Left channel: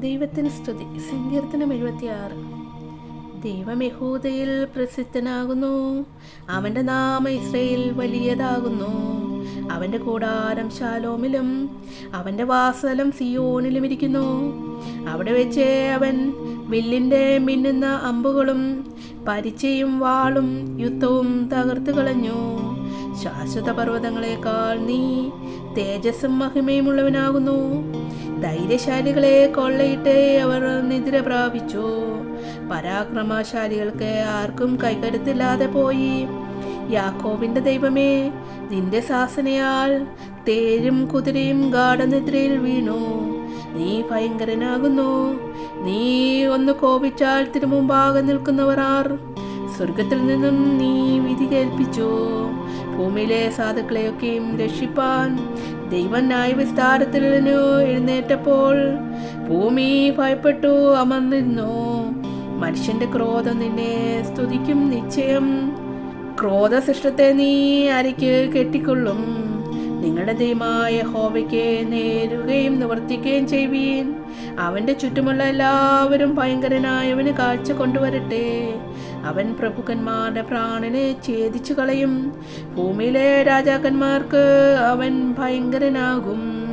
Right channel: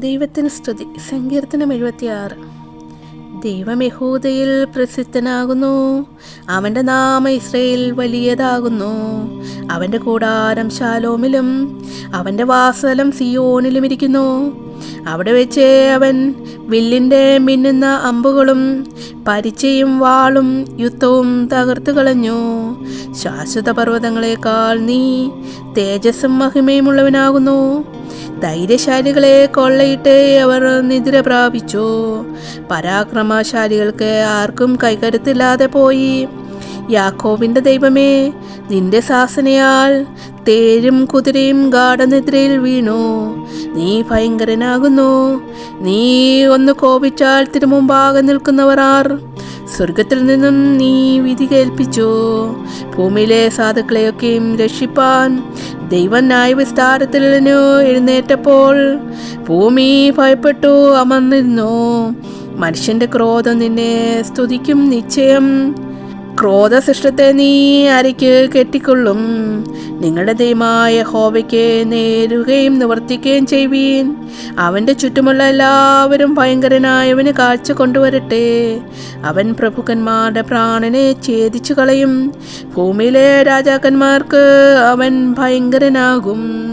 ദൈവത്തിന് സ്തുതി. സങ്കീർത്തനം എഴുപത്തിയാറ്. ദൈവം യഹൂദയിൽ പ്രസിദ്ധനാകുന്നു. അവന്റെ നാമ ഇസ്രയേൽ വലിയതാകുന്നു. അവന്റെ കൂടാരം ശാലോമിലും അവന്റെ വാസലം സിയോനിലും ഇരിക്കുന്നു. അവിടെ വെച്ച് അവൻ വില്ലിന്റെ മിന്നുന്ന അമ്പുകളും പരിചയും വാളും യുദ്ധവും തകർത്തു കളഞ്ഞു. ശാശ്വത പർവതങ്ങളെക്കാൾ നീ തേജസ്സും മഹിമയുമുള്ളവനാകുന്നു. ധൈര്യശാലികളെ കൊള്ളയിട്ട് അവർ നിദ്ര പ്രാപിച്ചു. പരാക്രമശാലികൾക്ക് ആർക്കും കൈകരുത്തില്ലാതെ പോയി. യാക്കോബിന്റെ ദൈവമേ നിന്റെ ശാസനയാൽ തേരും കുതിരയും ഗാഠനിദ്രയിൽ വീണു. നീ ഭയങ്കരനാകുന്നു. നീ ഒന്ന് കോപിച്ചാൽ തിരുമുമ്പാകെ നിൽക്കുന്നവർ ആർ? സ്വർഗത്തിൽ നിന്നും നീ വിധി കേൾപ്പിച്ചു. ഭൂമിയിലെ സാധുക്കളെയൊക്കെയും രക്ഷിപ്പാൻ ദൈവം ന്യായവിസ്താരത്തിൽ എഴുന്നേറ്റപ്പോൾ ഭൂമി ഭയപ്പെട്ടു അമർന്നിരുന്നു. മനുഷ്യന്റെ ക്രോധം നിന്നെ സ്തുതിക്കും നിശ്ചയം. ക്രോധസൃഷ്ടത്തെ നീ അരയ്ക്ക് കെട്ടിക്കൊള്ളും. നിങ്ങളുടെ ദൈവമായ ഹോബയ്ക്ക് നേരുകയും നിവർത്തിക്കുകയും ചെയ്യുവീൻ. അവന്റെ ചുറ്റുമുള്ള എല്ലാവരും ഭയങ്കരനായവന് കാഴ്ച കൊണ്ടുവരട്ടെ. അവൻ പ്രഭുക്കന്മാരുടെ പ്രാണനെ ഛേദിച്ചു കളയും ഭൂമിയിലെ രാജാക്കന്മാർക്ക് അവൻ ഭയങ്കരനാകും.